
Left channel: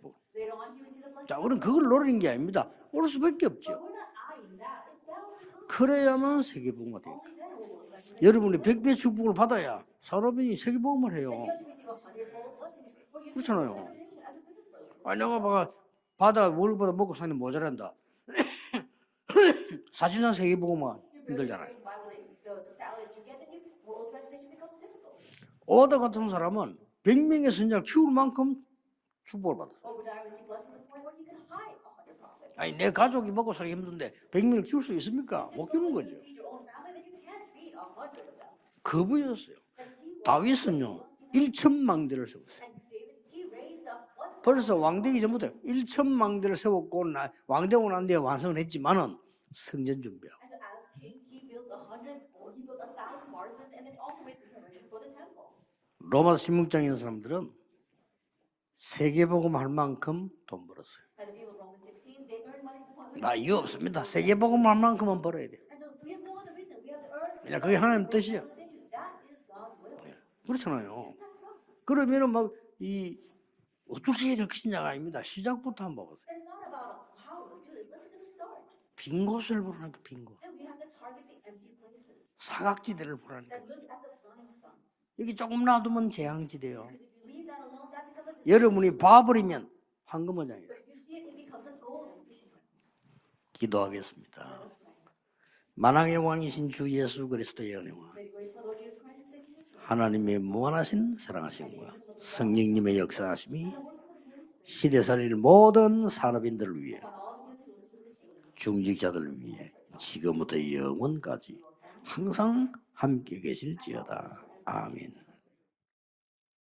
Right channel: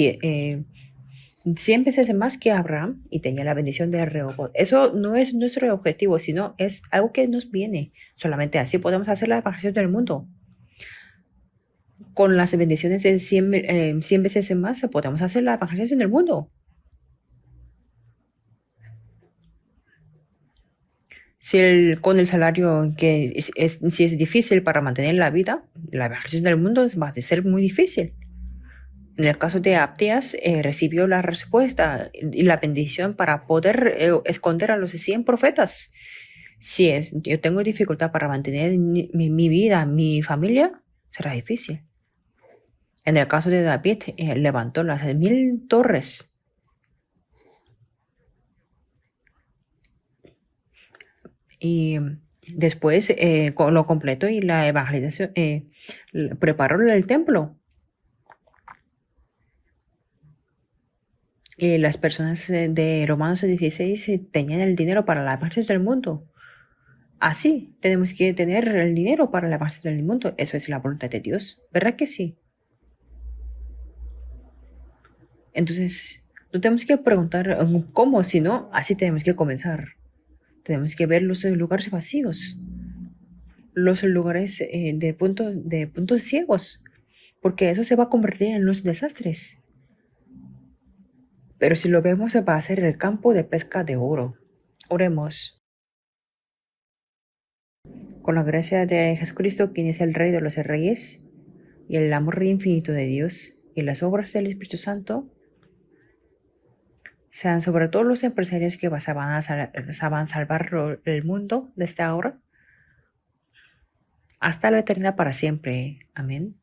자, 우리 100 그걸 veces 노리는 게 más que 아닙니다. Abraham 모를 y tenía 수밖에 la 없죠. bendición de Rehoboth. Eso no es nuestro objetivo, sino 그래야만 es 세계복음이 algo que nos viene. Solamente 여러분이 así 100배 podemos hacer 축복을 la evangelización del 받아야 mundo. 여러분이 세계복음을 해요. Con las bendiciones de 100, 그렇잖아요. 100 veces más podemos hacer la 내가 evangelización del 받아 mundo. 월보다 먹고 사는 모자란다. 사실상 세계복음은 Si 힘들다. con el salario que si es difícil para mantener la vida, 오다 la 같은 evangelización del 사람은 mundo va a ser 100명의 muy 성장 difícil. 죽을 만큼 En el caso de Abdias, recibió la respuesta y la 아니 내 bendición 가족을 para 먹고 poder 살려면 100명 esconder a 키울 los 수 100 있습니까? profetas. 키우는 거지. Si yo tengo dificultad para mantener 그분은 mi vida, mi familia, 다윗은요 será difícil. 1,000망대를 세웠어요. En el caso de David, 그래서 levantó las 왕되기 전부터 1000 torres. 1,000망대를 세웠고 왕되고 난 뒤에 완성을 했지만은 성전 준비하고 Y después lo completó y la evangelización 로마서 preparó el 16장에서 templo. 세계복음 할 만큼 돈 벌었어요. Y las personas de Romanos 이거 16 없습니다. 세계 tenían el 복음만 dinero 만큼은 para la 벌어요. evangelización del mundo. Así 그게 하나님 tenemos que 뜻이에요. tener el dinero para la evangelización del mundo. Eso es la 그렇잖아요. voluntad de Dios. ¿Verdad que sí? 그러면은 막이 어떻게 해야 될 것이냐가 아닙니다. 시작부터 Entonces, no tenemos que preguntar cómo, sino así tenemos que comenzar. Tenemos que ver los lugares vacíos, 사각지대를 보라는 거예요. los lugares 이게 조금 de 놔두면 puntos ciegos, 재앙지대예요. porque eso se va a convertir en los 여러분이 desastres. 봐버리면 황금어장이에요. Pero si lo vemos, va a ser el campo de pesca de oro. 기도하겠습니다. Oremos. 만왕의 왕이신 주 예수 그리스도의 은혜와 Con la gracia de Jesucristo, quien es el Rey de 하나님의 los 무한하신 Reyes, 사랑하심과 y el amor infinito de 성령님의 Dios, 역사하심이 y las obras del Espíritu 집에 Santo, 살릴 모든 산업인들을 위해 sean sobre todos los empresarios que 중직자들 van a salvar 지금부터 el 영원까지 mundo desde ahora 항상 함께 계실지어다. hasta la 아멘. eternidad para siempre. Amén.